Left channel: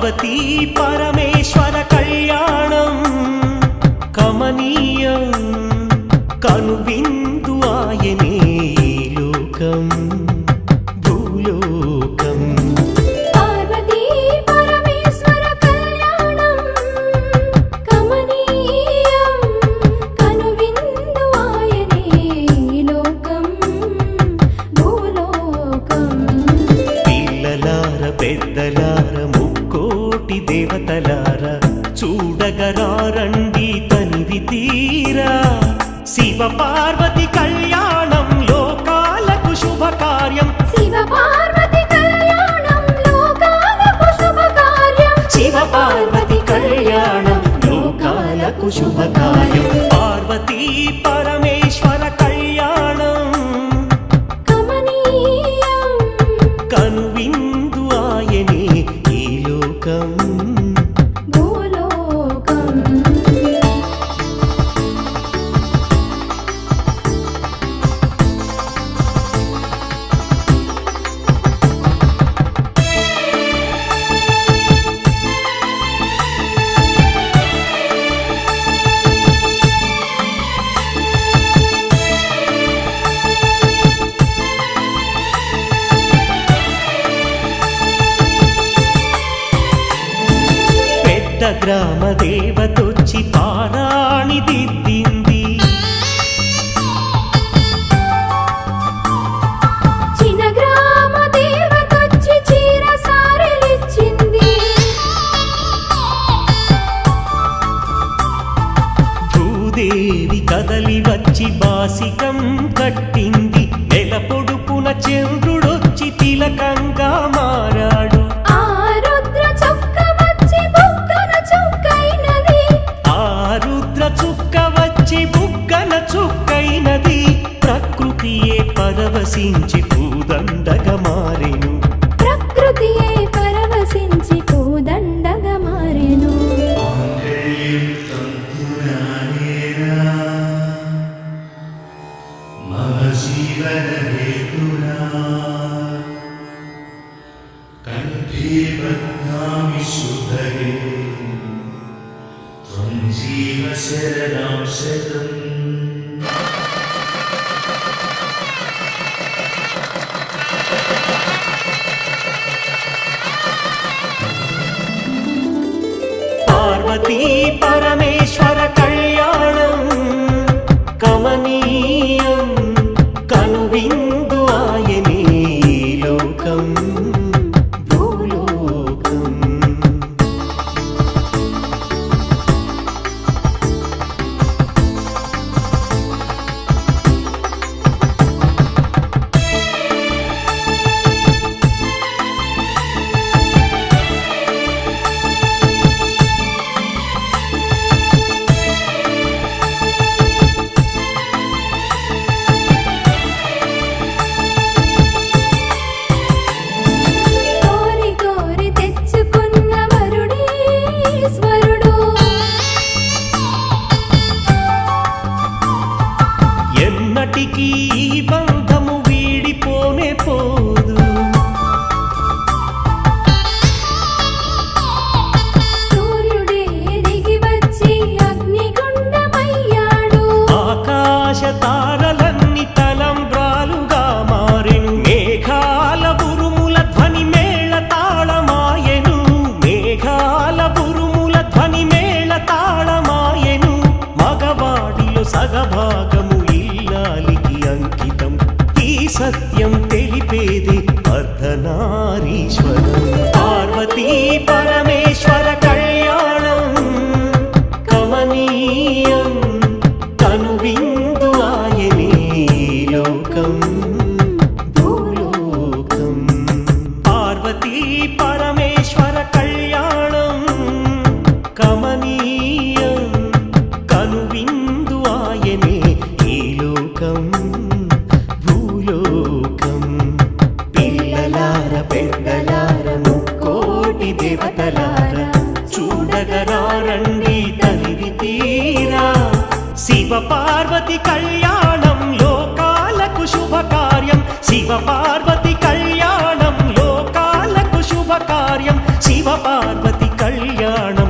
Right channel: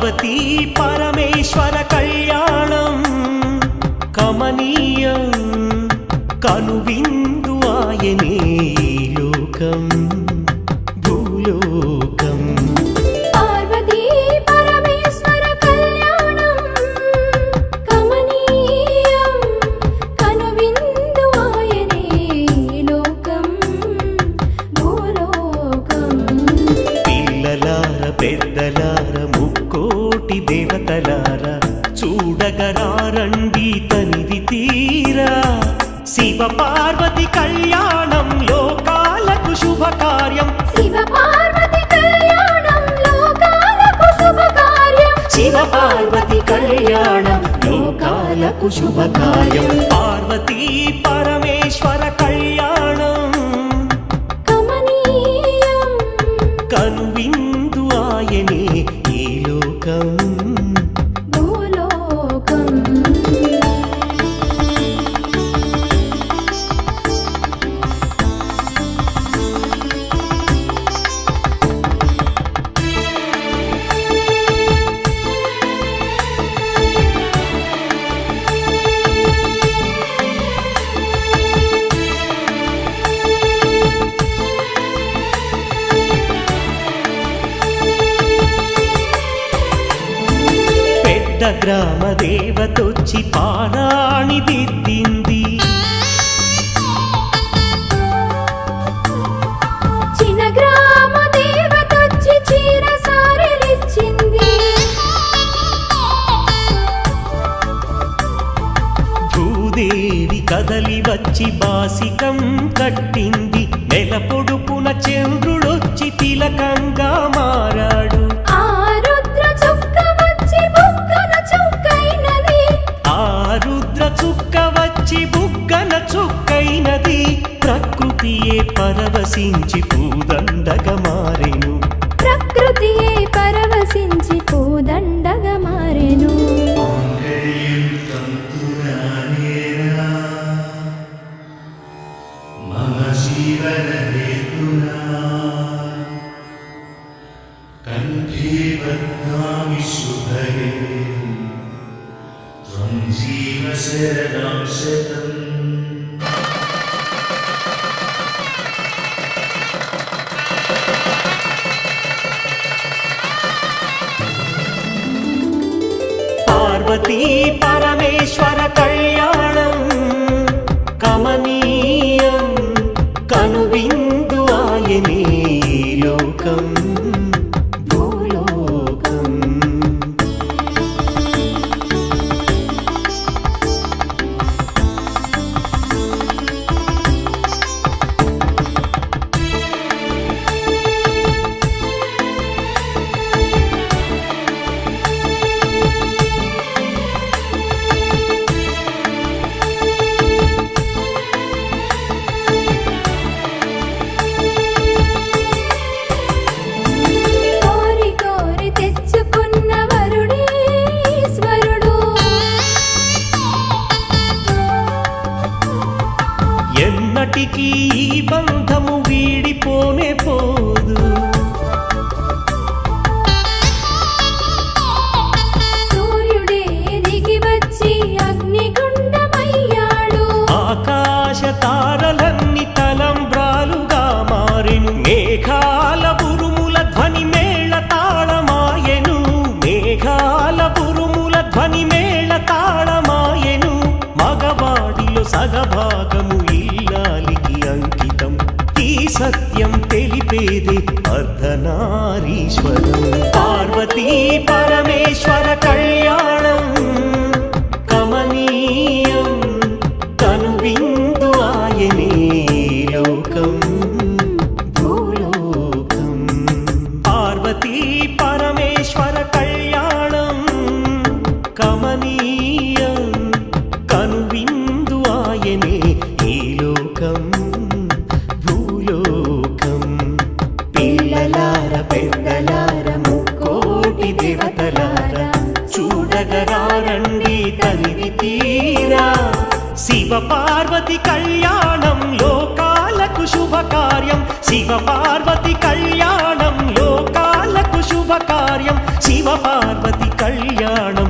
పార్వతీ పరమేశ్వర కళ్యాణం కమనీయం కనువిందు ఆయనే ఈ లోకం భూలోకం. పార్వతీ పరమేశ్వర కళ్యాణం కమనీయం కనువిందు ఆయనే ఈ లోకం భూలోకం. పిల్లలార పెద్దలార ముక్కోటి దేవతలార చూడగరారండి తనివి తీరా. శివ పార్వతి కళ్యాణం లోకాలకు శుభకార్యం. శివ పార్వతి కళ్యాణం లోకాలకు శుభకార్యం. శివ పార్వతి కళ్యాణం లోకాలకు శుభకార్యం. పార్వతీ పరమేశ్వర కళ్యాణం కమనీయం కనువిందు ఆయనే ఈ లోకం భూలోకం. పెద్ద గ్రామ దేవతొచ్చి పారాణి దిద్దింది. చిన్న గ్రామ దేవతొచ్చి చీర సారెలిచ్చింది. భూదేవి కదలి వచ్చి బాసికం కట్టింది. నెల పొడుపున చంద్రుడొచ్చి తిలకంగా మారాడు. ఆ రుద్ర చుక్క వచ్చి బుగ్గన చుక్కైనది. ఆ రుద్ర చుక్క వచ్చి బుగ్గన చుక్కైనది. ప్రకృతియే పరవశించి పూదండగా మారెను. ప్రకృతియే పరవశించి పూదండగా మారెను. మాంగళ్యం తంతునానేనా మమ జీవన హేతునా కంఠే బధ్నామి శుభగే త్వం జీవ శరదాం శతం. పార్వతీ పరమేశ్వర కళ్యాణం కమనీయం కనువిందు ఆయనే ఈ లోకం భూలోకం. కోరి కోరి తెచ్చుకున్న వరుడే ఈశ్వరుడు. ఎన్నటికీ ఈ బంధము వీడిపోనే పోదు. సూర్యుడే దిగి వచ్చి అగ్నిగుండమయ్యాడు. ఆకాశ తారలన్నీ తలంబ్రాలుగా మారెను. మేఘాల బురుముల ధ్వని మేళ తాళమాయెను. మేఘాల బురుముల ధ్వని మేళ తాళమాయెను. మగవాడిలో సగభాగము ఇల్లాలికి అంకితం. ఈ సత్యం తెలిపేదే అర్ధనారీశ్వరం. పార్వతీ పరమేశ్వర కళ్యాణం కమనీయం కనువిందు ఆయనే ఈ లోకం భూలోకం. పార్వతీ పరమేశ్వర కళ్యాణం కమనీయం కనువిందు ఆయనే ఈ లోకం భూలోకం. పిల్లలార పెద్దలార ముక్కోటి దేవతలార చూడగరారండి తనివి తీరా. శివ పార్వతి కళ్యాణం లోకాలకు శుభకార్యం శివ పార్వతి కళ్యాణం లోకాలకు శుభకార్యం శివ పార్వతి కళ్యాణం